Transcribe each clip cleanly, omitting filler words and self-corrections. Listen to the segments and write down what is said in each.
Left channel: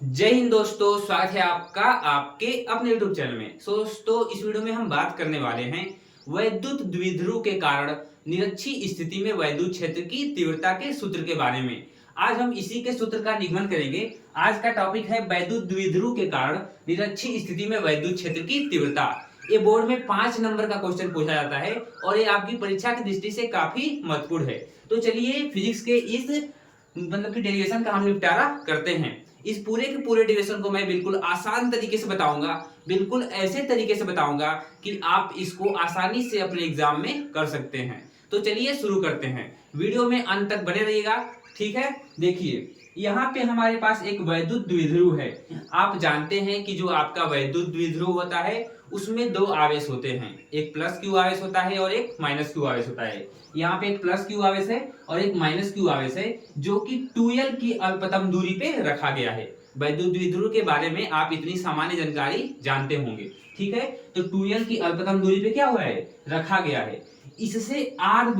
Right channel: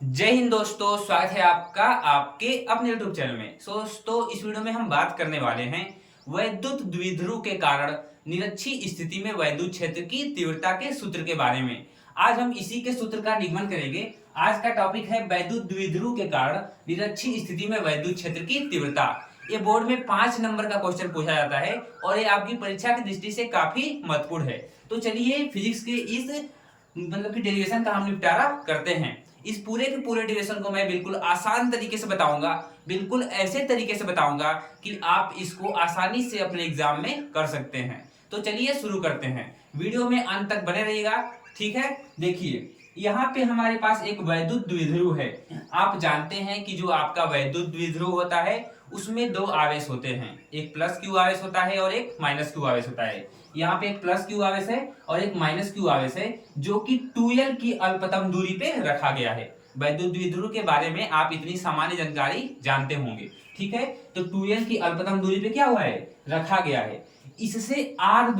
जय हिंद दोस्तों, स्वागत है आपका आपके अपने YouTube चैनल में। दोस्तों, इस वीडियो में हम बात करने वाले हैं वैद्युत द्विध्रुव के कारण निरक्षीय स्थिति में वैद्युत क्षेत्र की तीव्रता के सूत्र के बारे में। आज हम इसी के सूत्र का निगमन करेंगे। आज का टॉपिक है वैद्युत द्विध्रुव के कारण निरक्षीय स्थिति में वैद्युत क्षेत्र की तीव्रता। ये बोर्ड में 5 नंबर का क्वेश्चन पूछा जाता है और ये आपकी परीक्षा की दृष्टि से काफी महत्वपूर्ण है। तो चलिए फिजिक्स के इस कि डेरिवेशन का हम निपटारा करते हैं। इस पूरे के पूरे डेरिवेशन को मैं बिल्कुल आसान तरीके से बताऊंगा, बिल्कुल ऐसे तरीके से बताऊंगा कि आप इसको आसानी से अपने एग्जाम में कर सकते हैं। तो चलिए शुरू करते हैं, वीडियो में अंत तक बने रहिएगा। ठीक है, देखिए यहाँ पे हमारे पास एक वैद्युत द्विध्रुव है। आप जानते हैं कि जो आपका वैद्युत द्विध्रुव होता है उसमें दो आवेश होते हैं, एक प्लस क्यू आवेश होता है और एक माइनस क्यू आवेश होता है। यहाँ पे एक प्लस क्यू आवेश है और एक माइनस क्यू आवेश है जो कि 2l की अल्पतम दूरी पे रखा गया है। वैद्युत द्विध्रुव के बारे में आप इतनी सामान्य जानकारी जानते होंगे। ठीक है, तो 2l की अल्पतम दूरी पे क्या हुआ है, रखा गया है। इससे r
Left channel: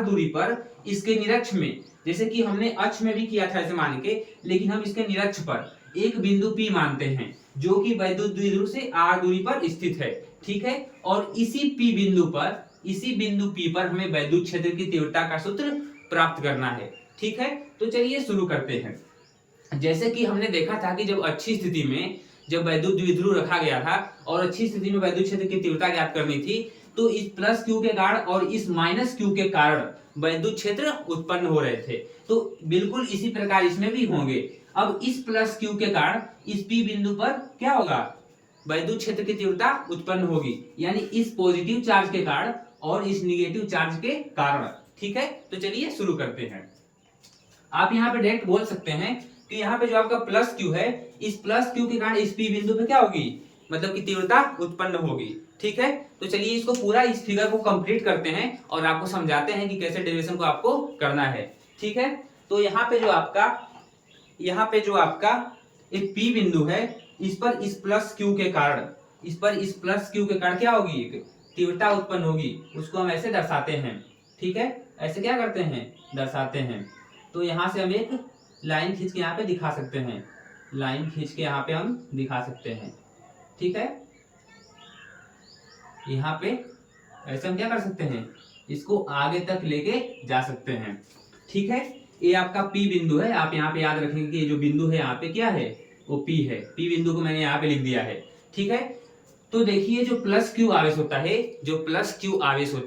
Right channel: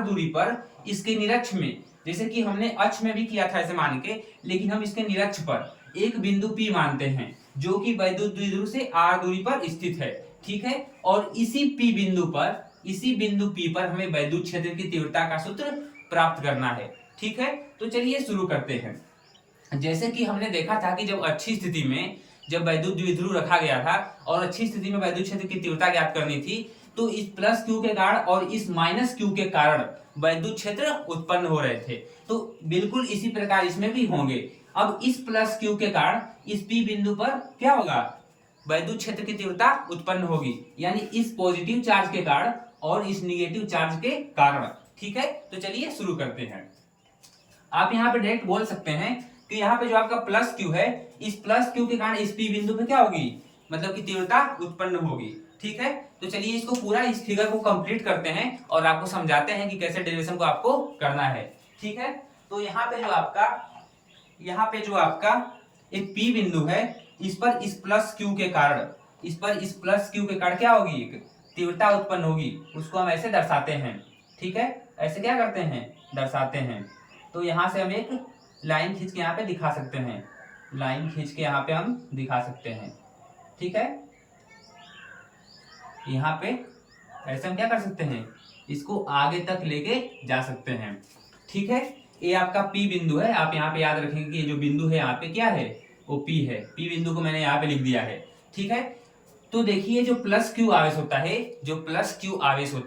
दूरी पर इसके निरक्ष में, जैसे कि हमने अक्ष में भी किया था ऐसे मान के, लेकिन हम इसके निरक्ष पर एक बिंदु P मानते हैं जो कि वैद्युत द्विध्रुव से r दूरी पर स्थित है। ठीक है, और इसी बिंदु P पर हमें वैद्युत क्षेत्र की तीव्रता का सूत्र प्राप्त करना है। ठीक है, तो चलिए शुरू करते हैं। जैसे कि हमने देखा था कि जब अच्छी स्थिति में जब वैद्युत द्विध्रुव रखा गया था और अच्छी स्थिति में वैद्युत क्षेत्र की तीव्रता ज्ञात करनी थी, तो इस प्लस क्यू के कारण और इस माइनस क्यू के कारण वैद्युत क्षेत्र उत्पन्न हो रहे थे। तो बिल्कुल इसी प्रकार इसमें भी होंगे। अब इस प्लस क्यू के कारण इस P बिंदु पर क्या होगा, वैद्युत क्षेत्र की तीव्रता उत्पन्न होगी, यानी इस पॉजिटिव चार्ज के कारण और इस निगेटिव चार्ज के कारण। ठीक है, तो चलिए शुरू करते हैं। आप यहाँ पे डायरेक्ट बोल सकते हैं कि यहाँ पे जो आपका प्लस क्यू है, इस प्लस क्यू के कारण इस P बिंदु पे क्या होगी, मतलब कि तीव्रता उत्पन्न होगी। ठीक है, तो चलिए इसको पूरा इस फिगर को कंप्लीट करते हैं और आपको समझाते हैं कि कैसे डेरिवेशन को आपको करना है। ठीक है, तो यहाँ पे जो आपका एक P बिंदु है, इस पर इस प्लस क्यू के कारण क्या होगी, एक तीव्रता उत्पन्न होगी। उसको हम ऐसे दर्शाते हैं। ठीक है, ऐसे क्या करते हैं, दर्शाते हैं। तो यहाँ से हम एक लाइन खींच के यहाँ पे दिखा सकते हैं, ठीक है, यहाँ पे ऐसे हम क्या कर सकते हैं, इसको आगे तक लेके जा सकते हैं। ठीक है, ये आपका P बिंदु है। आप यहाँ पे याद रखेंगे कि ये जो बिंदु है यहाँ पे क्या है, वो P है। P बिंदु को मैंने यहाँ पे लिख दिया है। ठीक है, तो देखिए जो प्लस क्यू आवेश होता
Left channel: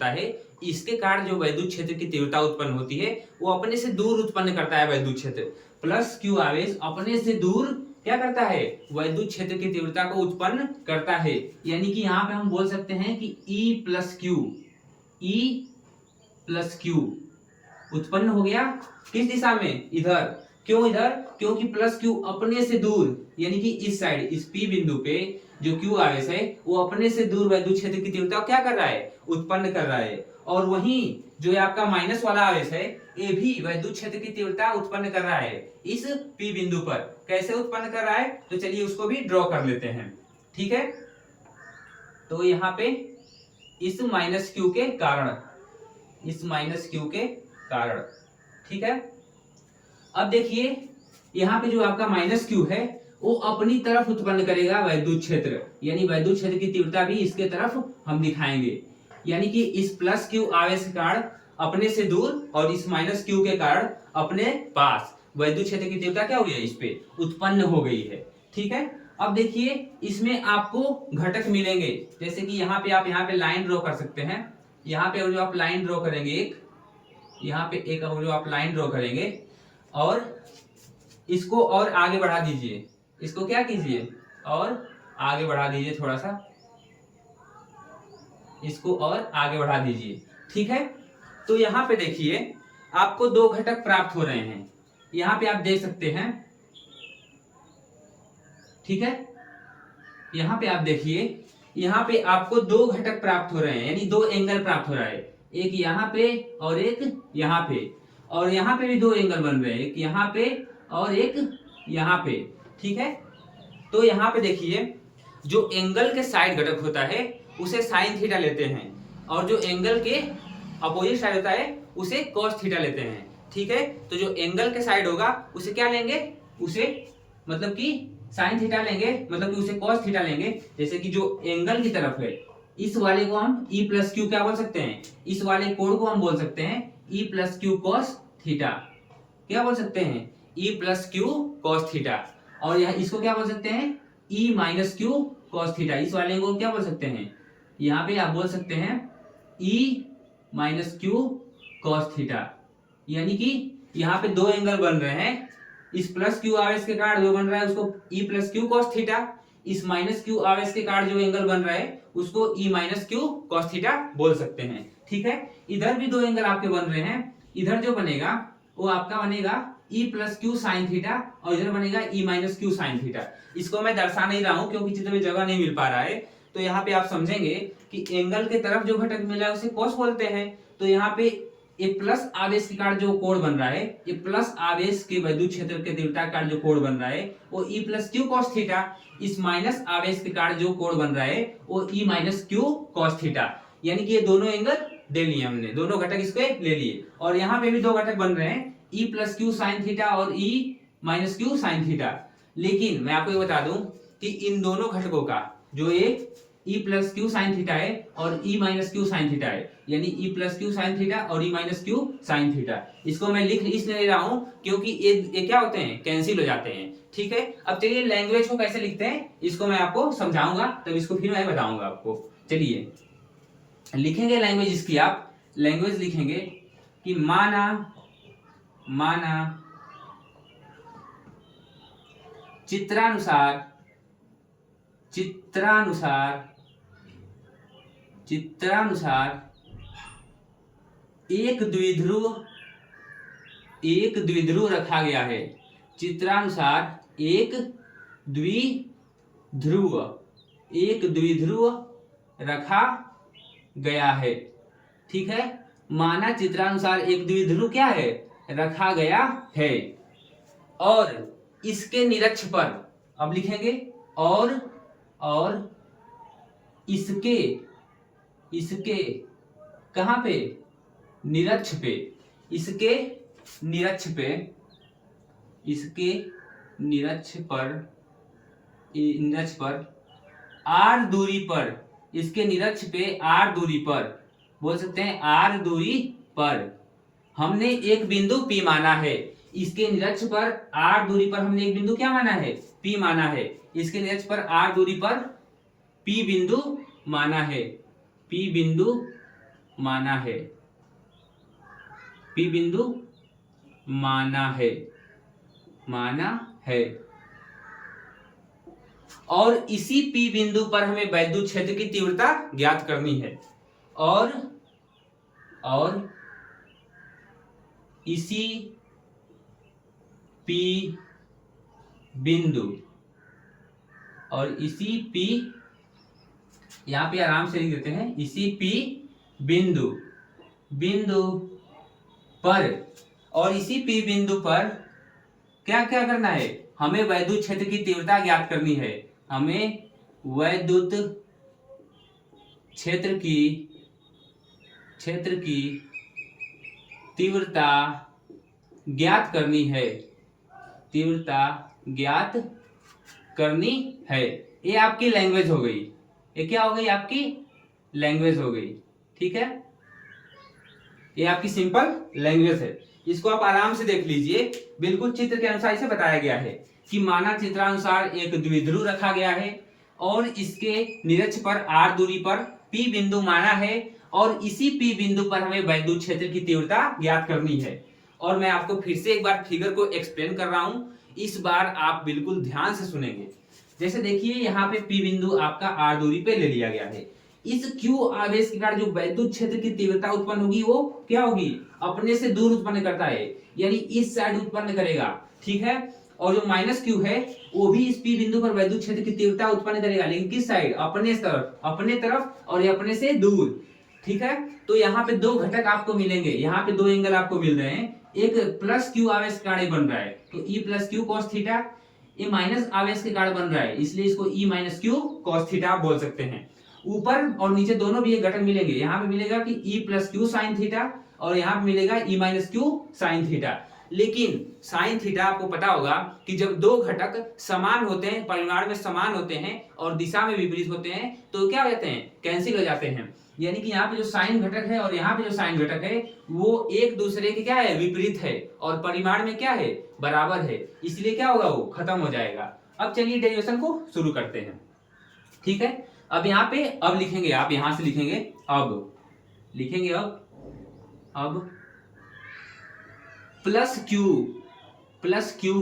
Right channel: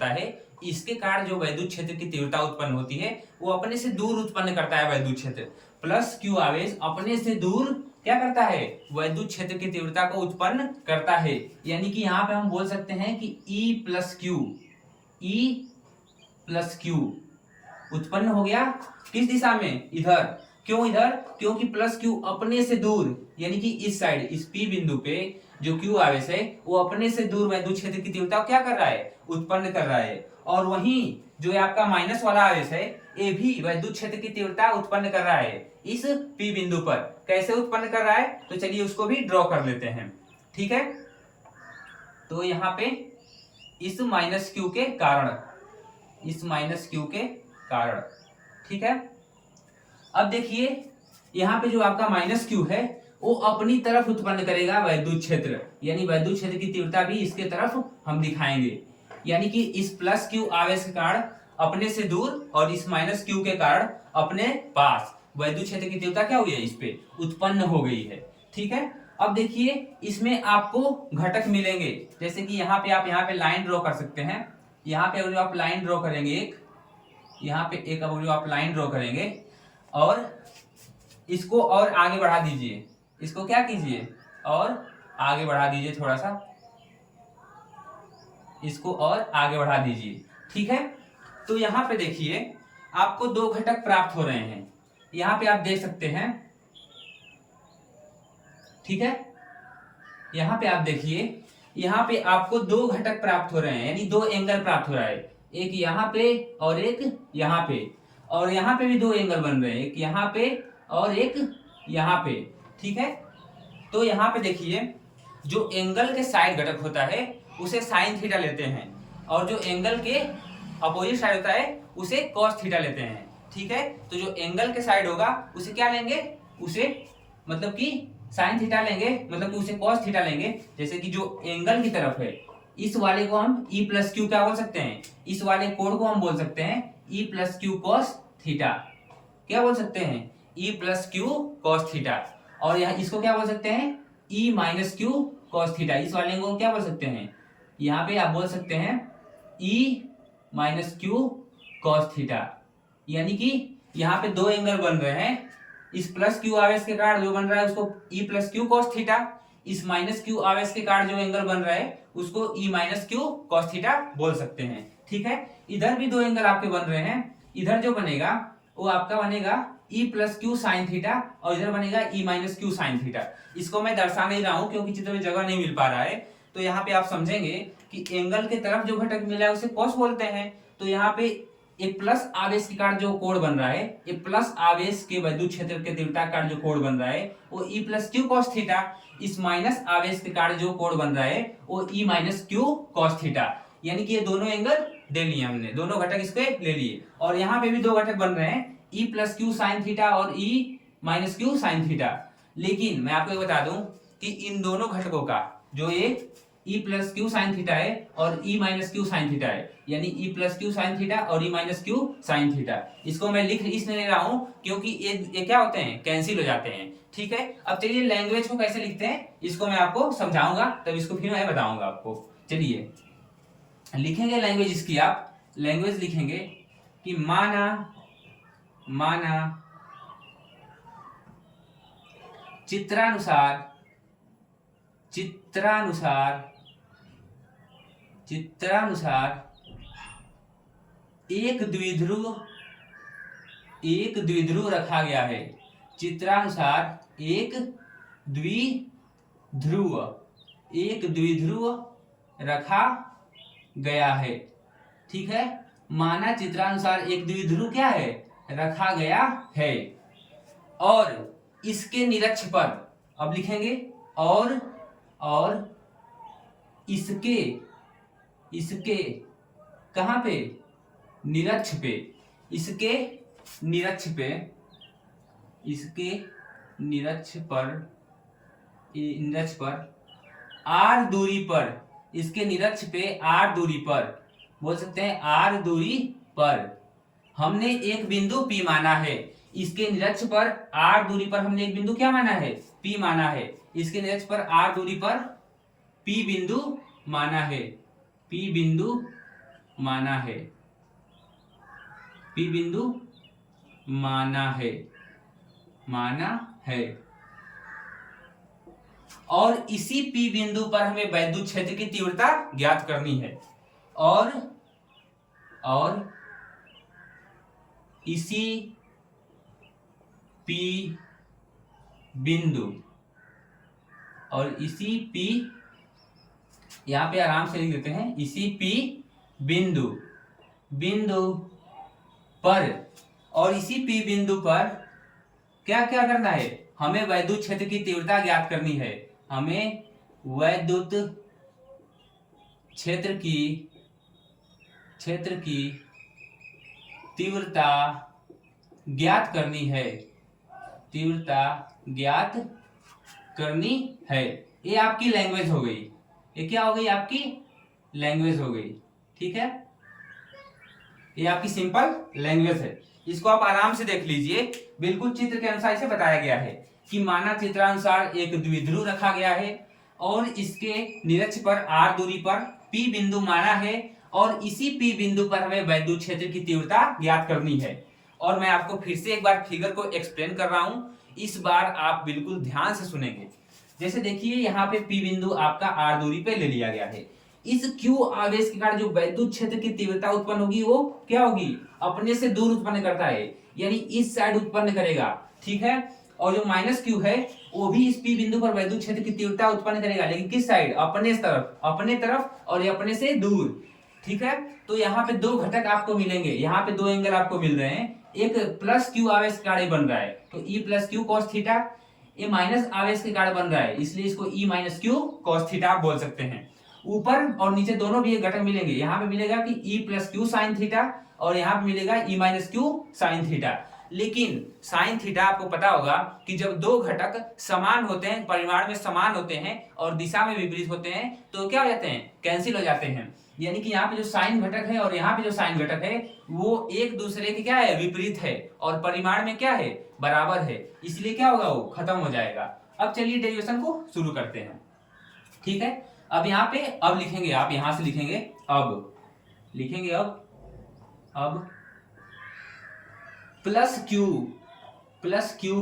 है, इसके कारण जो वैद्युत क्षेत्र की तीव्रता उत्पन्न होती है वो अपने से दूर उत्पन्न करता है वैद्युत क्षेत्र। प्लस क्यू आवेश अपने से दूर क्या करता है, वैद्युत क्षेत्र की तीव्रता को उत्पन्न करता है। यानी कि यहाँ पे हम बोल सकते हैं कि E प्लस क्यू उत्पन्न हो गया किस दिशा में, इधर। क्यों इधर, क्योंकि प्लस क्यू अपने से दूर, यानी कि इस साइड, इस P बिंदु पे जो क्यू आवेश है वो अपने से दूर वैद्युत क्षेत्र की तीव्रता को क्या कर रहा है, उत्पन्न कर रहा है। और वहीं जो आपका माइनस वाला आवेश है, ये भी वैद्युत क्षेत्र की तीव्रता उत्पन्न कर रहा है इस P बिंदु पर। कैसे उत्पन्न कर रहा है, तो चलिए उसको भी ड्रॉ कर लेते हैं। ठीक है, तो यहाँ पे इस माइनस क्यू के कारण, ठीक है। अब देखिए यहाँ पे जो आपका माइनस क्यू है वो अपनी तरफ उत्पन्न करेगा वैद्युत क्षेत्र, यानी वैद्युत क्षेत्र की तीव्रता भी इसके तरफ हम दिखाएंगे। यानी कि इस प्लस क्यू आवेश के कारण अपने से दूर और इस माइनस क्यू के कारण अपने पास वैद्युत क्षेत्र की तीव्रता क्या हुई है, इस पे उत्पन्न हो गई है। ठीक है, अब देखिए इसमें आपको घटक मिलेंगे, जैसे कि यहाँ पे लाइन ड्रॉ कर सकते हैं। यहाँ पे जो आप लाइन ड्रॉ करेंगे और इसको और आगे बढ़ा दीजिए, इसको क्या कीजिए और आगे बढ़ा दीजिए, थोड़ा सा इसको और आगे बढ़ा दीजिए। ठीक है, तो यहाँ पे देखिए आपको दो घटक प्राप्त हो रहे हैं, यहाँ पे आप देख सकते हैं। ठीक है, यहाँ पे आप देखिए, यहाँ पे आपको दो घटक प्राप्त हो रहे हैं, यानी दो एंगल प्राप्त हो रहा है, एक यहाँ पे और एक यहाँ पे, और यहाँ पे भी दो एंगल बन रहे हैं, एक यहाँ पे और एक यहाँ पे। ठीक है, तो यहाँ पे देखिए जो एंगल के साइड घटक होता है उसे साइन थीटा लेते हैं, और जो एंगल के अपोजिट साइड होता है उसे कॉस थीटा लेते हैं। ठीक है, तो जो एंगल के साइड होगा उसे क्या लेंगे, उसे मतलब कि साइन थीटा लेंगे, मतलब कि उसे कॉस थीटा लेंगे। जैसे कि जो एंगल की तरफ है इस वाले को हम ई प्लस क्यू क्या बोल सकते हैं, इस वाले कोण को हम बोल सकते हैं E plus Q cos theta. क्या बोल सकते हैं, E plus Q cos theta. और यहाँ इसको क्या बोल सकते हैं, E minus Q cos theta. इस वाले को क्या बोल सकते हैं, यहाँ पे आप बोल सकते हैं E minus Q cos theta. यानी कि यहाँ पे दो एंगल बन रहे हैं, इस प्लस क्यू आवेश के कारण जो बन रहा है उसको E plus Q cos theta, इस माइनस क्यू आवेश के कारण जो एंगल बन रहा है उसको E minus Q cos theta बोल सकते हैं। ठीक है, इधर भी दो एंगल आपके बन रहे हैं, इधर जो बनेगा वो आपका बनेगा E plus Q sine theta और इधर बनेगा E minus Q sine theta. इसको मैं दर्शा नहीं रहा हूं क्योंकि चित्र में जगह नहीं मिल पा रहा है। तो यहाँ पे आप समझेंगे कि एंगल के तरफ जो घटक मिला है उसे कॉस बोलते हैं। तो यहाँ पे एक प्लस आवेश के कारण जो कोण बन रहा है, एक प्लस आवेश के वैद्युत क्षेत्र के तीव्रता के कारण जो कोण बन रहा है वो E plus Q cos theta. इस माइनस आवेश के कारण जो कोण बन रहा है वो E minus Q cos theta. यानी कि ये दोनों एंगल ले लिए हमने, दोनों घटक इसके ले लिए। और यहाँ पे भी दो घटक बन रहे हैं, E plus Q sine theta और E minus Q sine theta. लेकिन मैं आपको ये बता दूं कि इन दोनों घटकों का जो एक E plus Q sine theta है और E minus Q sine theta है, यानी E plus Q sine theta और E minus Q sine theta, इसको मैं लिख इसलिए ले रहा हूं क्योंकि ये क्या होते हैं, कैंसिल हो जाते हैं। ठीक है, अब चलिए लैंग्वेज को कैसे लिखते हैं इसको मैं आपको समझाऊंगा, तब इसको फिर मैं बताऊंगा आपको। चलिए लिखेंगे लैंग्वेज इसकी, आप लैंग्वेज लिखेंगे कि माना चित्रानुसार एक द्विध्रुव रखा गया है। चित्रानुसार एक द्विध्रुव रखा गया है। ठीक है, माना चित्रानुसार एक द्विध्रुव क्या है, रखा गया है। और इसके निरक्ष पर अब लिखेंगे और इसके कहां पे, निरक्ष पे, इसके निरक्ष पर आर दूरी पर, इसके निरक्ष पे आर दूरी पर बोल सकते हैं, आर दूरी पर हमने एक बिंदु P माना है। इसके निरक्ष पर आर दूरी पर हमने एक बिंदु क्या माना है, P माना है। इसके निरक्ष पर आर दूरी पर P बिंदु माना है, P बिंदु माना है, P बिंदु माना है। और इसी P बिंदु पर हमें वैद्युत क्षेत्र की तीव्रता ज्ञात करनी है। और इसी P बिंदु यहां पे आराम से लिख देते हैं, इसी P बिंदु पर, और इसी P बिंदु पर क्या क्या करना है, हमें वैद्युत क्षेत्र की तीव्रता ज्ञात करनी है। हमें वैद्युत क्षेत्र की तीव्रता ज्ञात करनी है। ये आपकी लैंग्वेज हो गई, ये क्या हो गई, आपकी लैंग्वेज हो गई। ठीक है, ये आपकी सिंपल लैंग्वेज है। इसको आप आराम से देख लीजिए, बिल्कुल चित्र के अनुसार इसे बताया गया है कि माना चित्रानुसार एक द्विध्रुव रखा गया है और इसके निरक्ष पर आर दूरी पर P बिंदु माना है और इसी P बिंदु पर हमें वैद्युत क्षेत्र की तीव्रता ज्ञात करनी है। और मैं आपको फिर से एक बार फिगर को एक्सप्लेन कर रहा हूं, इस बार आप बिल्कुल ध्यान से सुनेंगे। जैसे देखिए यहाँ पे P बिंदु आपका आर दूरी पे ले लिया गया है। इस Q आवेश के कारण जो वैद्युत क्षेत्र की तीव्रता उत्पन्न होगी वो क्या होगी, अपने से दूर उत्पन्न करता है, यानी इस साइड उत्पन्न करेगा। ठीक है, और जो माइनस Q है वो भी इस P बिंदु पर वैद्युत क्षेत्र की तीव्रता उत्पन्न करेगा, लेकिन किस साइड, अपने तरफ और ये अपने से दूर। ठीक है, तो यहाँ पे दो घटक आपको मिलेंगे, यहाँ पे दो एंगल आपको मिल रहे हैं। एक प्लस Q आवेश के कारण बन रहा है तो E plus Q cos theta, ये माइनस आवेश के कारण बन रहा है इसलिए इसको E minus Q cos theta आप बोल सकते हैं। ऊपर और नीचे दोनों भी एक घटक मिलेंगे, यहाँ पे मिलेगा कि E plus Q sine theta और यहाँ पे मिलेगा E minus Q sine theta. लेकिन साइन थीटा आपको पता होगा कि जब दो घटक समान होते हैं, परिमाण में समान होते हैं और दिशा में विपरीत होते हैं तो क्या हो जाते हैं, कैंसिल हो जाते हैं। यानी कि यहाँ पे जो साइन घटक है और यहाँ पे जो साइन घटक है वो एक दूसरे के क्या है, विपरीत है और परिमाण में क्या है, बराबर है, इसलिए क्या होगा, वो खत्म हो जाएगा। अब चलिए डेरिवेशन को शुरू करते हैं। ठीक है, अब यहाँ पे अब लिखेंगे, आप यहां से लिखेंगे, अब लिखेंगे, अब प्लस क्यू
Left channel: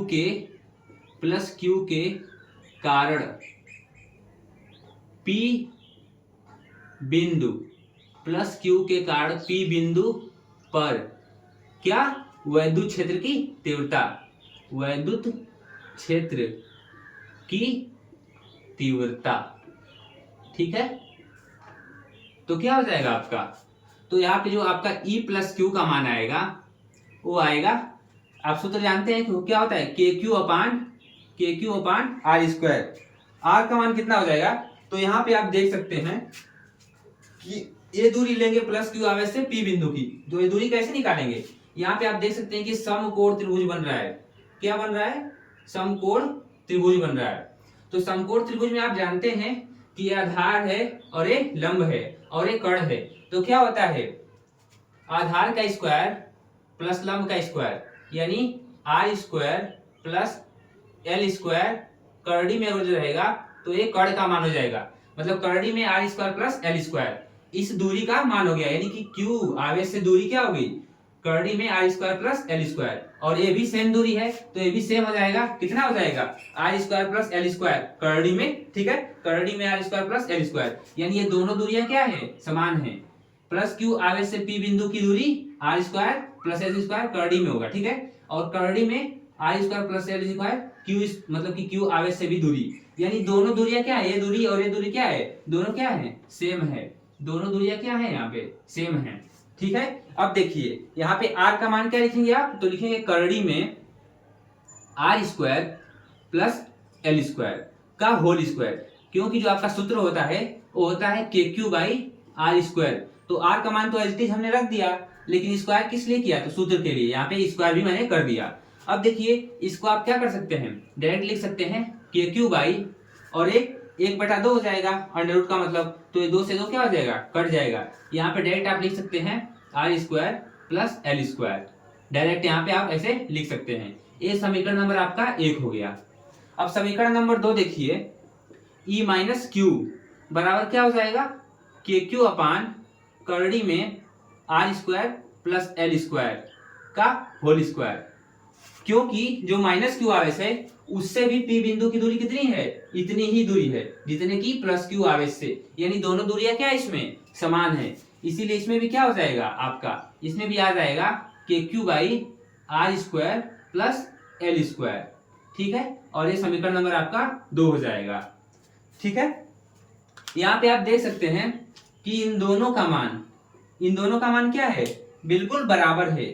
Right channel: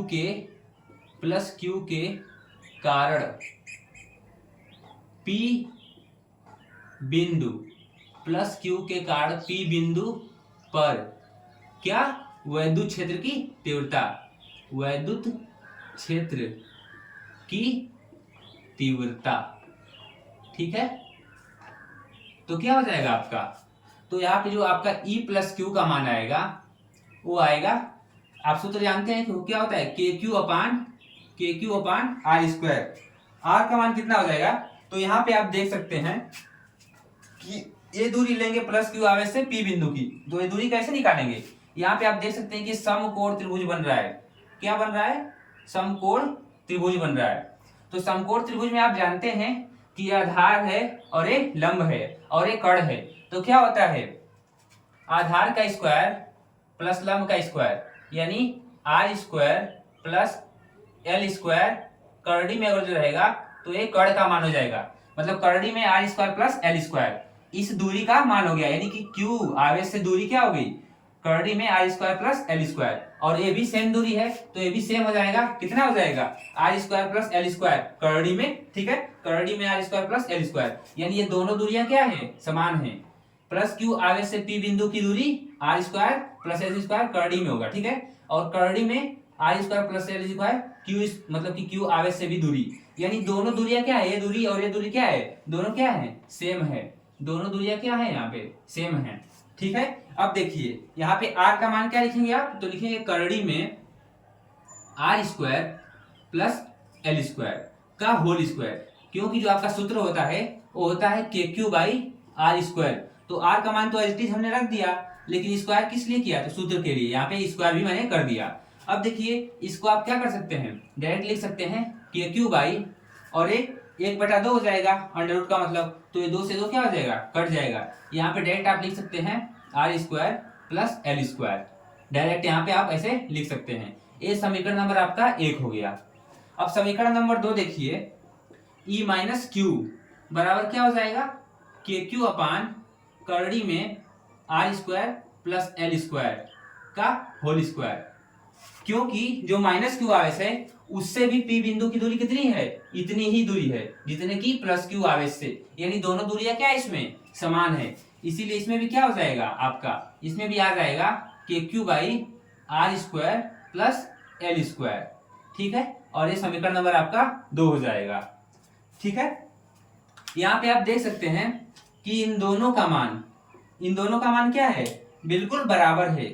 के कारण P बिंदु, प्लस क्यू के कारण P बिंदु पर क्या, वैद्युत क्षेत्र की तीव्रता, वैद्युत क्षेत्र की तीव्रता। ठीक है, तो क्या हो जाएगा आपका, तो यहाँ पे जो आपका E प्लस क्यू का मान आएगा वो आएगा, आप सूत्र जानते हैं कि क्या होता है, K q upon r square. आर का मान कितना हो जाएगा, तो यहाँ पे आप देख सकते हैं कि ये दूरी लेंगे प्लस क्यू आवेश से P बिंदु की, तो ये दूरी कैसे निकालेंगे, यहाँ पे आप देख सकते हैं कि समकोण त्रिभुज बन रहा है। क्या बन रहा है, समकोण त्रिभुज बन रहा है। तो समकोण त्रिभुज में आप जानते हैं कि आधार है और एक लंब है और एक कर्ण है, तो क्या होता है, आधार का स्क्वायर प्लस लंब का स्क्वायर, यानी R square plus L square, करड़ी में अगर जो रहेगा तो ये कर्ण का मान हो जाएगा, मतलब करड़ी में are square plus L square, इस दूरी का मान हो गया, यानी कि क्यू आवेश से दूरी क्या हो गई, करड़ी में are square plus L square, और ये भी सेम दूरी है तो ये भी सेम हो जाएगा, कितना हो जाएगा, R square plus L square करड़ी में। ठीक है, करड़ी में are square plus L square, यानी ये दोनों दूरियां क्या है, समान है। प्लस क्यू आवेश से P बिंदु की दूरी R square plus L square करड़ी में होगा। ठीक है, और करड़ी में are square plus L square Q, मतलब कि क्यू आवेश से भी दूरी, यानी दोनों दूरियां क्या है, ये दूरी और ये दूरी क्या है, दोनों क्या है, सेम है, दोनों दूरियां क्या है, यहाँ पे सेम है। ठीक है, अब देखिए यहाँ पे आर का मान क्या लिखेंगे आप, तो लिखेंगे करड़ी में are square plus L square का होल स्क्वायर, क्योंकि जो आपका सूत्र होता है वो होता है K q by r square, तो आर का मान तो एज इट इज हमने रख दिया, लेकिन स्क्वायर किस लिए किया, तो सूत्र के लिए, यहाँ पे स्क्वायर भी मैंने कर दिया। अब देखिए इसको आप क्या कर सकते हैं, डायरेक्ट लिख सकते हैं के क्यू बाई, और एक बटा दो हो जाएगा अंडर रूट का मतलब, तो ये दो से दो क्या हो जाएगा, कट जाएगा। यहाँ पे डायरेक्ट आप लिख सकते हैं r square plus L square, direct यहाँ पे आप ऐसे लिख सकते हैं। ये समीकरण नंबर आपका 1 हो गया। अब समीकरण नंबर 2 देखिए, E माइनस क्यू बराबर क्या हो जाएगा, के क्यू अपान करड़ी में are square plus L square का होल स्क्वायर, क्योंकि जो माइनस क्यू आवेश है उससे भी P बिंदु की दूरी कितनी है, इतनी ही दूरी है जितने की प्लस क्यू आवेश से, यानी दोनों दूरियां क्या है, इसमें समान है, इसीलिए इसमें भी क्या हो जाएगा आपका, इसमें भी आ जाएगा K q by r square plus L square. ठीक है, और ये समीकरण नंबर आपका 2 हो जाएगा। ठीक है, यहाँ पे आप देख सकते हैं कि इन दोनों का मान क्या है, बिल्कुल बराबर है,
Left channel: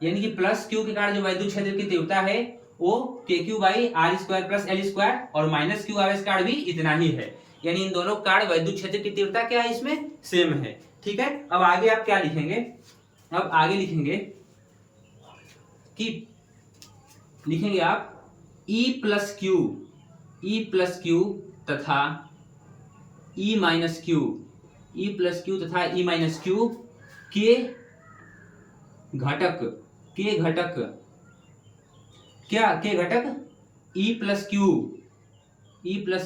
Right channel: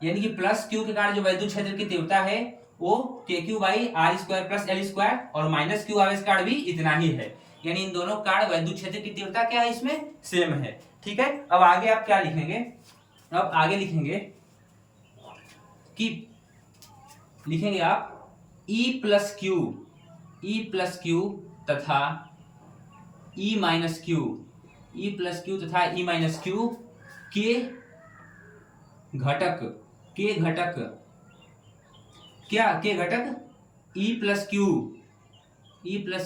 यानी कि प्लस क्यू के कारण जो वैद्युत क्षेत्र की तीव्रता है वो K q by r square plus L square, और माइनस क्यू आवेश कारण भी इतना ही है, यानी इन दोनों कारण वैद्युत क्षेत्र की तीव्रता क्या है, इसमें सेम है। ठीक है, अब आगे आप क्या लिखेंगे, अब आगे लिखेंगे कि लिखेंगे आप E प्लस क्यू तथा E minus Q, E plus Q तथा E माइनस क्यू के घटक क्या, के घटक E plus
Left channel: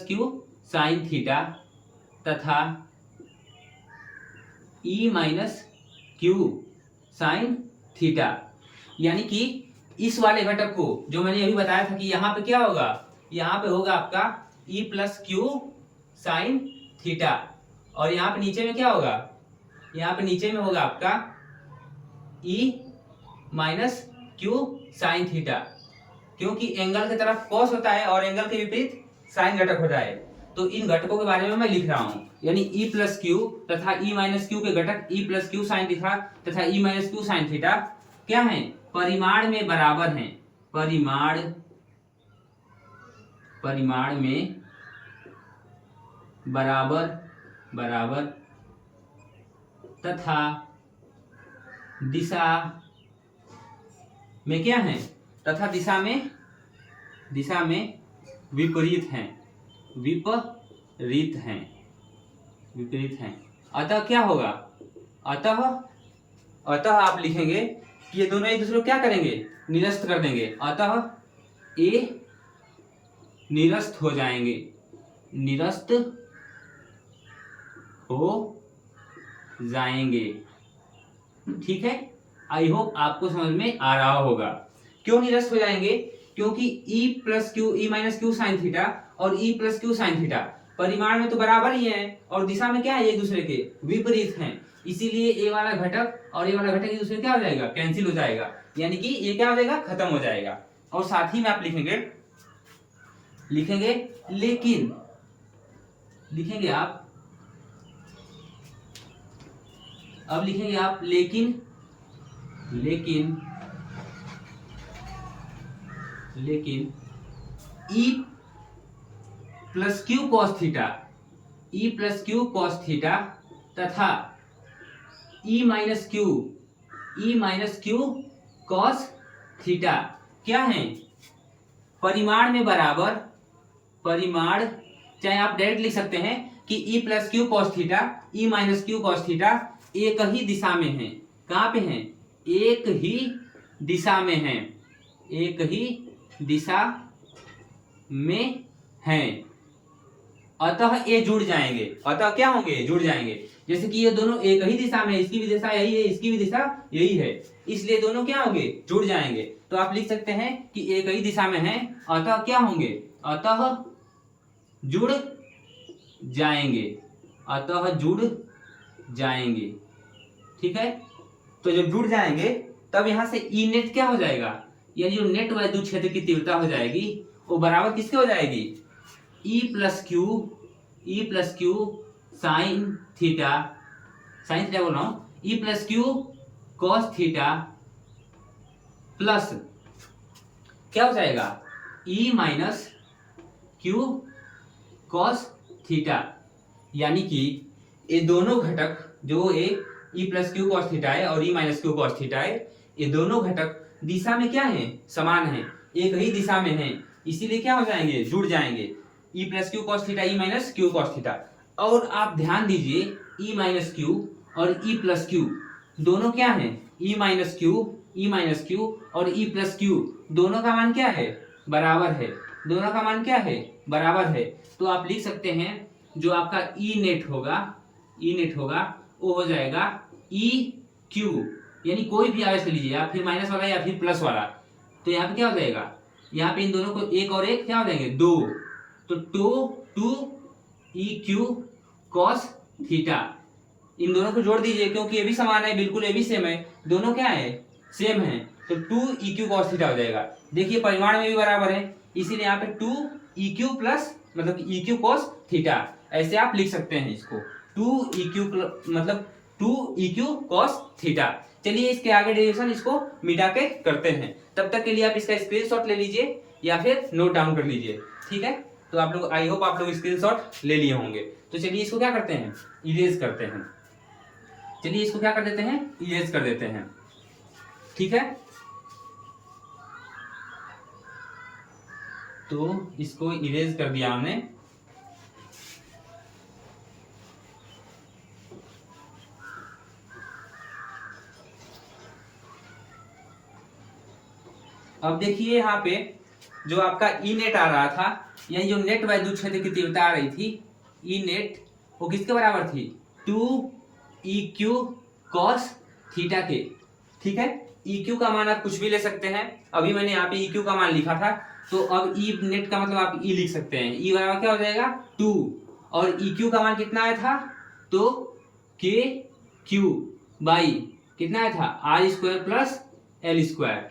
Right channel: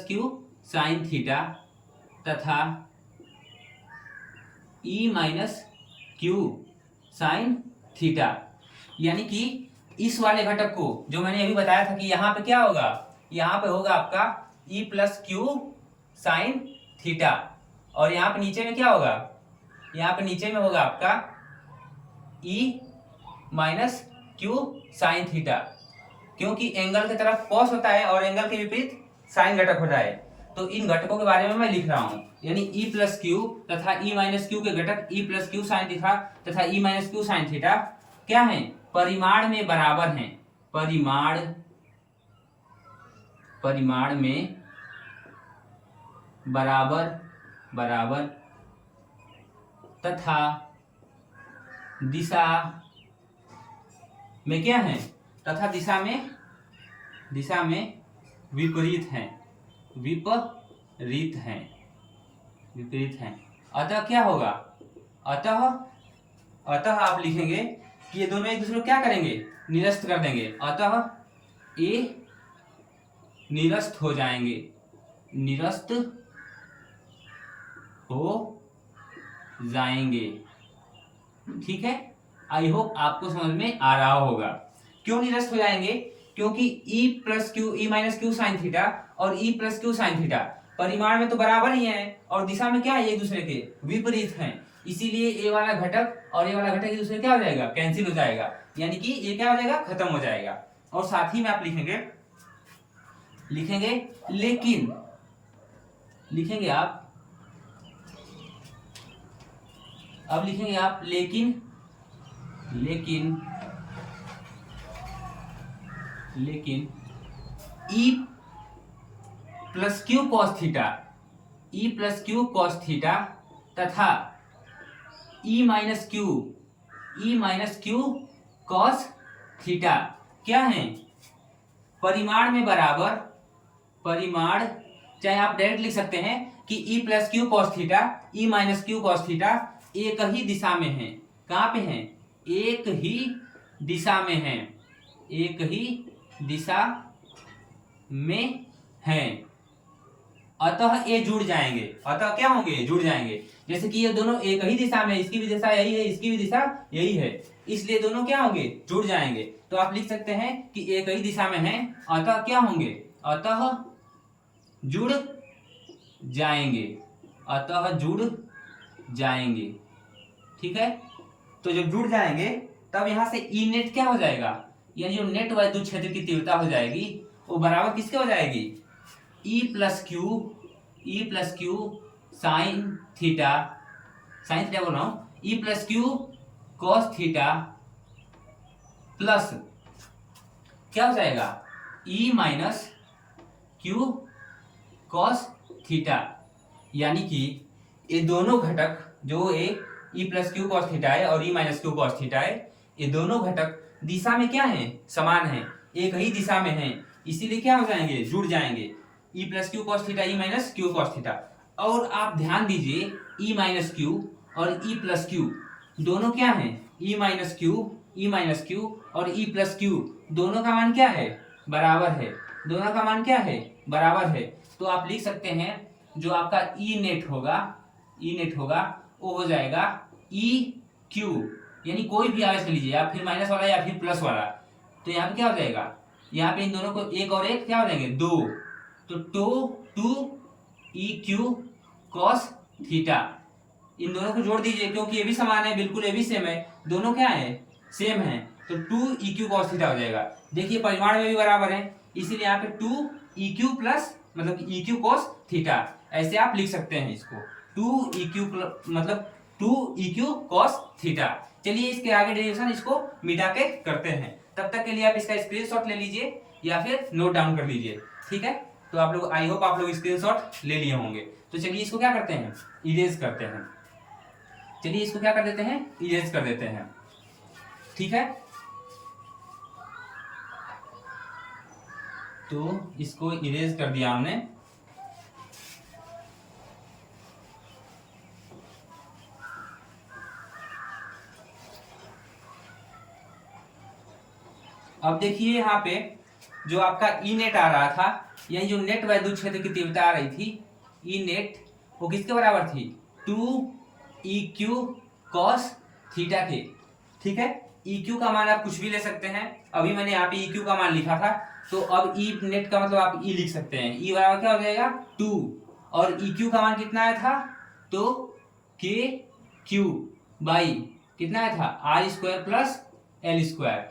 Q sine theta तथा E minus Q sine theta, यानी कि इस वाले घटक को जो मैंने अभी बताया था कि यहाँ पे क्या होगा, यहाँ पे होगा आपका E plus Q sine theta, और यहाँ पे नीचे में क्या होगा, यहाँ पे नीचे में होगा आपका E minus Q sine theta, क्योंकि एंगल की तरफ कॉस होता है और एंगल के विपरीत साइन घटक होता है, तो इन घटकों के बारे में मैं लिख रहा हूँ, यानी E प्लस क्यू तथा E माइनस क्यू के घटक E plus Q sine theta तथा E minus Q sine theta क्या है, परिमाण में बराबर हैं, परिमाण में बराबर तथा दिशा में क्या है, तथा दिशा में विपरीत हैं, विपरीत हैं। अतः क्या होगा, अतः आप लिखेंगे कि ये दोनों एक दूसरे को क्या करेंगे, निरस्त कर देंगे। अतः ये निरस्त हो जाएंगे, निरस्त हो जाएंगे। ठीक है, आई होप आपको समझ में आ रहा होगा। क्यों निरस्त हो जाएंगे, क्योंकि E minus Q sine theta और E plus Q sine theta परिमाण में तो बराबर ही है और दिशा में क्या है, एक दूसरे के विपरीत हैं। इसीलिए ये वाला घटक और ये वाला घटक एक दूसरे क्या हो जाएगा, कैंसिल हो जाएगा, यानी कि ये क्या हो जाएगा, खत्म हो जाएगा। और साथ ही में आप लिखेंगे लेकिन, लिखेंगे आप, अब लिखेंगे आप लेकिन E plus Q cos theta तथा E minus Q cos theta क्या है, परिमाण में बराबर, परिमाण चाहे आप डायरेक्ट लिख सकते हैं कि E plus Q cos theta, E minus Q cos theta एक ही दिशा में है। कहाँ पे है, एक ही दिशा में है, एक ही दिशा में है। अतः ये जुड़ जाएंगे, अतः क्या होंगे, जुड़ जाएंगे। जैसे कि ये दोनों एक ही दिशा में, इसकी भी दिशा यही है, इसकी भी दिशा यही है, इसलिए दोनों क्या होंगे, जुड़ जाएंगे। तो आप लिख सकते हैं कि एक ही दिशा में है, अतः क्या होंगे, अतः जुड़ जाएंगे, अतः जुड़ जाएंगे। ठीक है, तो जब जुड़ जाएंगे तब यहां से ई नेट क्या हो जाएगा, यानी जो नेट वैद्युत क्षेत्र की तीव्रता हो जाएगी वो बराबर किसके हो जाएगी, E plus Q sine theta बोल रहा हूं, E plus Q cos theta plus क्या हो जाएगा, E minus Q cos theta. यानी कि ये दोनों घटक जो E plus Q cos theta है और E minus Q cos theta है, ये दोनों घटक दिशा में क्या है, समान है, एक ही दिशा में है, इसीलिए क्या हो जाएंगे, जुड़ जाएंगे। E plus Q cos theta, E minus Q cos theta. और आप ध्यान दीजिए E माइनस क्यू और E प्लस क्यू दोनों क्या है, E माइनस क्यू और E प्लस क्यू दोनों का मान क्या है, बराबर है, दोनों का मान क्या है, बराबर है। तो आप लिख सकते हैं जो आपका E नेट होगा वो हो जाएगा E क्यू, यानी कोई भी आवेश ले लीजिए आप, फिर माइनस वाला या फिर प्लस वाला, तो यहाँ पे क्या हो जाएगा, यहाँ पे इन दोनों को एक और एक क्या हो जाएंगे, दो, तो two E Q cos theta, इन दोनों को जोड़ दीजिए क्योंकि ये भी समान है, बिल्कुल ये भी सेम है, दोनों क्या है, सेम है, तो two E Q cos theta हो जाएगा। देखिए परिमाण में भी बराबर है, इसीलिए यहाँ पे टू ई क्यू प्लस मतलब ई क्यू कॉस थीटा, ऐसे आप लिख सकते हैं इसको, टू ई क्यू मतलब two E Q cos theta. चलिए इसके आगे डेरिवेशन इसको मिटा के करते हैं, तब तक के लिए आप इसका स्क्रीनशॉट ले लीजिए या फिर नोट डाउन कर लीजिए। ठीक है, तो आप लोग, आई होप आप लोग स्क्रीनशॉट ले लिए होंगे। तो चलिए इसको क्या करते हैं, इरेज करते हैं। चलिए इसको क्या कर देते हैं, इरेज कर देते हैं। ठीक है, तो इसको इरेज कर दिया हमने। अब देखिए यहाँ पे जो आपका ई नेट आ रहा था, यानी जो नेट वैद्युत क्षेत्र की तीव्रता आ रही थी, ई नेट वो किसके बराबर थी, two E Q cos theta के। ठीक है, ई क्यू का मान आप कुछ भी ले सकते हैं, अभी मैंने यहाँ पे ई क्यू का मान लिखा था, तो अब ई नेट का मतलब आप ई लिख सकते हैं, ई बराबर क्या हो जाएगा, टू, और ई क्यू का मान कितना आया था, तो के क्यू बाई कितना आया था, r square plus L square,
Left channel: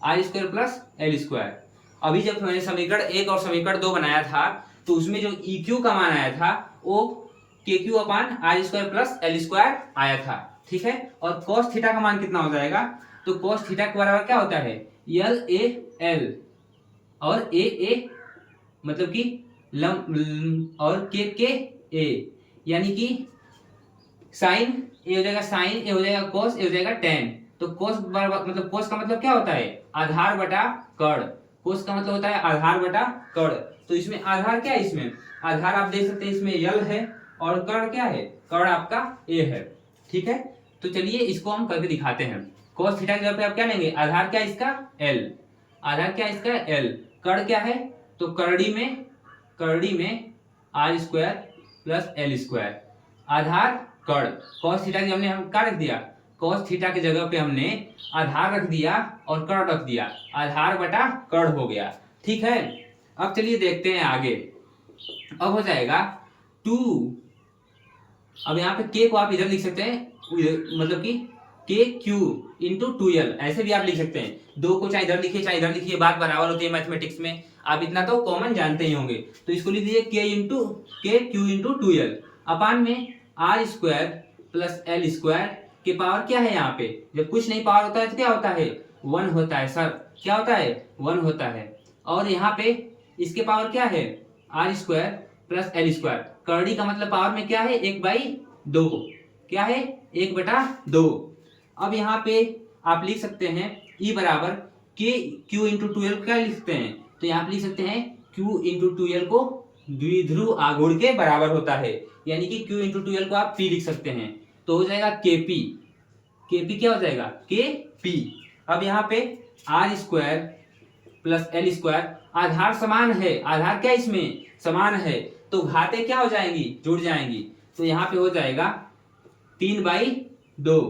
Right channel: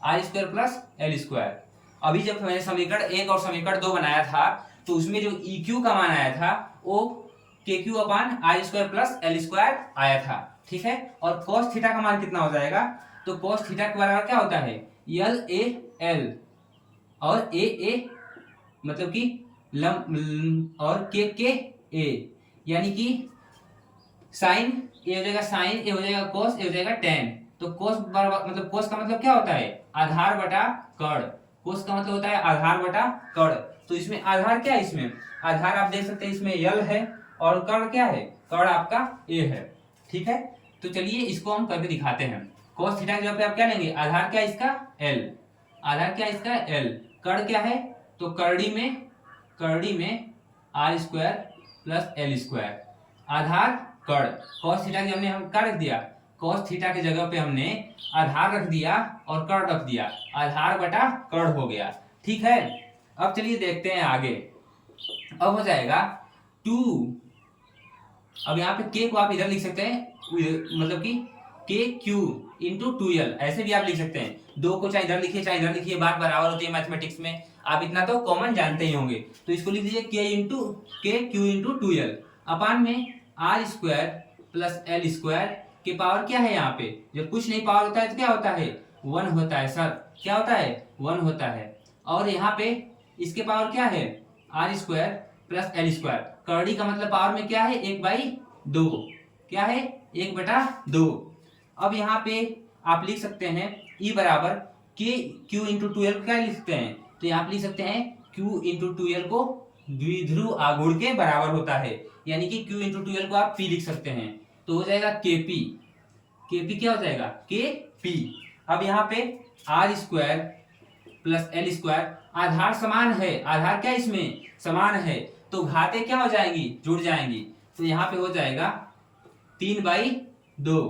r square plus L square. अभी जब मैंने समीकरण 1 और समीकरण 2 बनाया था तो उसमें जो ई क्यू का मान आया था वो K q upon r square plus L square आया था। ठीक है, और cos थीटा का मान कितना हो जाएगा, तो cos थीटा के बराबर क्या होता है, यल ए एल, और ए मतलब कि और के ए, यानी कि साइन ए हो जाएगा साइन, ए हो जाएगा cos, ए हो जाएगा tan, तो कोस मतलब कोस का मतलब क्या होता है, आधार बटा कर्ण। कोस का मतलब होता है आधार बटा कर्ण। तो इसमें आधार क्या है, इसमें आधार आप देख सकते हैं इसमें यल है और कर्ण क्या है, कर्ण आपका ए है। ठीक है, तो चलिए इसको हम करके दिखाते हैं। कोस थीटा की जगह पे आप क्या लेंगे, आधार क्या है इसका एल, आधार क्या है इसका एल, कर्ण क्या है, तो करड़ी में are square plus L square, आधार कर्ण। कॉस थीटा की हमने हम क्या रख दिया, कॉस थीटा की जगह पे हमने आधार रख दिया और कर्ण रख दिया, आधार बटा कर्ण हो गया। ठीक है, अब चलिए देखते हैं आगे। अब हो जाएगा 2, अब यहाँ पे के को आप इधर लिख सकते हैं, मतलब कि के क्यू इंटू 2l, ऐसे भी आप लिख सकते हैं। दो को चाहे इधर लिखिए चाहे इधर लिखिए, बात बराबर होती है मैथमेटिक्स में, आप इतना तो कॉमन जानते ही होंगे। तो इसको लिख दीजिए के क्यू इंटू 2l अपान में are square plus L square के पावर क्या है, यहाँ पे जब कुछ नहीं पावर होता है तो क्या होता है, 1 होता है सर, क्या होता है 1 होता है। और यहाँ पे इसके पावर क्या है, R square plus L square, करड़ी का मतलब पावर में क्या है 1/2, क्या है 1/2। अब यहाँ पे आप लिख सकते हैं E बराबर के क्यू इंटू 2l क्या लिखते हैं, तो यहाँ पे लिख सकते हैं Q इंटू 2l को द्विध्रुव आघूर्ण के बराबर होता है, यानी कि Q इंटू 2l को आप P लिख सकते हैं। तो हो जाएगा KP, KP क्या हो जाएगा KP। अब यहाँ पे R square plus L square, आधार समान है, आधार क्या इसमें समान है, तो घातें क्या हो जाएंगी, जुड़ जाएंगी। तो यहाँ पे हो जाएगा 3/2।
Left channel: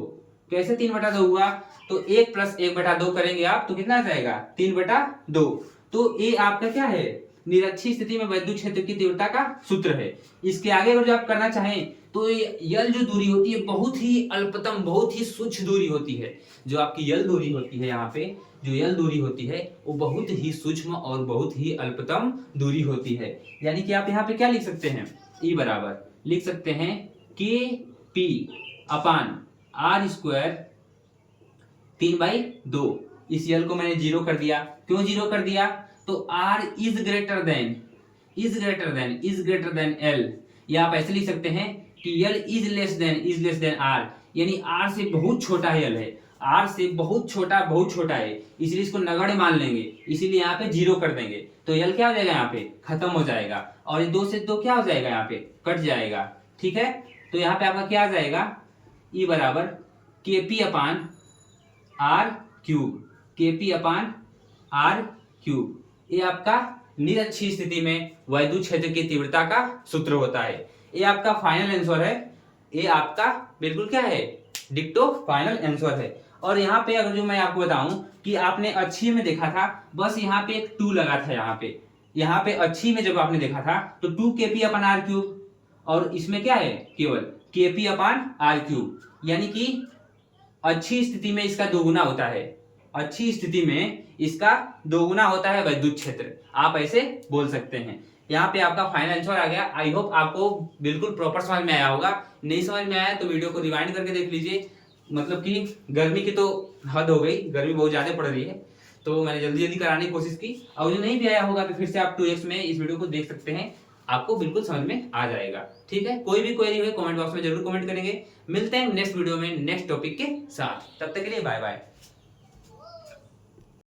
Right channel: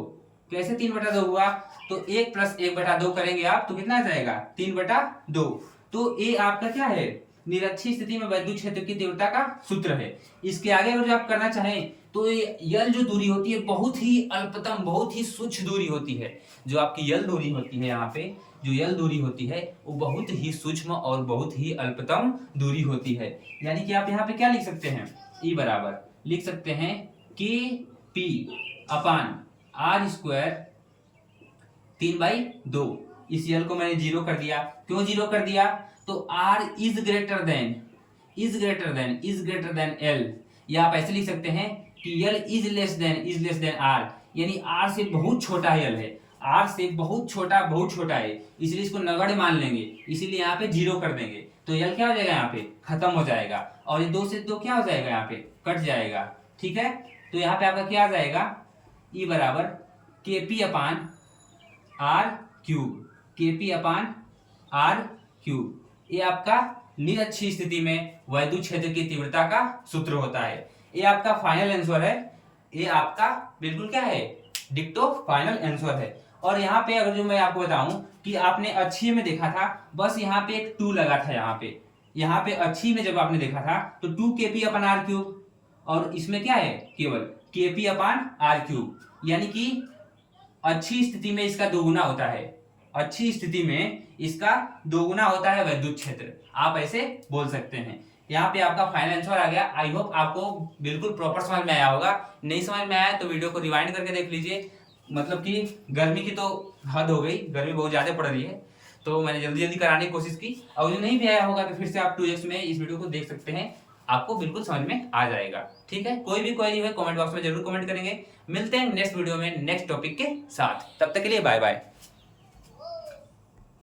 कैसे 3/2 हुआ, तो 1 प्लस 1/2 करेंगे आप तो कितना आ जाएगा 3/2। तो ये आपका क्या है, निरक्षीय स्थिति में वैद्युत क्षेत्र की तीव्रता का सूत्र है। इसके आगे अगर जो आप करना चाहें तो यल जो दूरी होती है बहुत ही अल्पतम, बहुत ही सूक्ष्म दूरी होती है। जो आपकी यल दूरी होती है, यहाँ पे जो यल दूरी होती है वो बहुत ही सूक्ष्म और बहुत ही अल्पतम दूरी होती है। यानी कि आप यहाँ पे क्या लिख सकते हैं, ई बराबर लिख सकते हैं के पी अपान आर स्क्वायर 3/2। इस यल को मैंने 0 कर दिया, क्यों 0 कर दिया, तो r is greater than l, या आप ऐसे लिख सकते हैं कि l is less than r, यानी r से बहुत छोटा l है, r से बहुत छोटा है, इसलिए इसको नगण्य मान लेंगे, इसीलिए यहाँ पे 0 कर देंगे। तो l क्या हो जाएगा, यहाँ पे खत्म हो जाएगा, और ये 2 से 2 क्या हो जाएगा, यहाँ पे कट जाएगा। ठीक है, तो यहाँ पे आपका क्या आ जाएगा, E बराबर KP upon r cube, KP upon r cube. ये आपका निरक्षीय स्थिति में वैद्युत क्षेत्र की तीव्रता का सूत्र होता है। ये आपका फाइनल आंसर है, ये आपका बिल्कुल क्या है, डिक्टो फाइनल आंसर है। और यहाँ पे अगर जो मैं आपको बताऊं कि आपने अच्छी में देखा था, बस यहाँ पे एक 2 लगा था, यहाँ पे अच्छी में जब आपने देखा था तो 2 KP अपान आर क्यूब, और इसमें क्या है केवल KP अपान आर क्यूब, यानी कि अच्छी स्थिति में इसका दोगुना होता है, अच्छी स्थिति में इसका दोगुना होता है वैद्युत क्षेत्र, आप ऐसे बोल सकते हैं। यहाँ पे आपका फाइनल आंसर आ गया। आई होप आपको बिल्कुल प्रॉपर समझ में आया होगा। नहीं समझ में आया तो वीडियो को रिवाइंड करके देख लीजिए। मतलब कि गर्मी की तो हद हो गई, गर्मी बहुत ज्यादा पड़ रही है, तो मैंने जल्दी जल्दी कराने की कोशिश की। और जो नहीं भी आया होगा तो फिर से आप 2x में इस वीडियो को देख सकते हैं, आपको बिल्कुल समझ में आ जाएगा। ठीक है, कोई भी क्वेरी है कमेंट बॉक्स में जरूर कमेंट करेंगे। मिलते हैं नेक्स्ट वीडियो में नेक्स्ट टॉपिक के साथ, तब तक के लिए बाय बाय।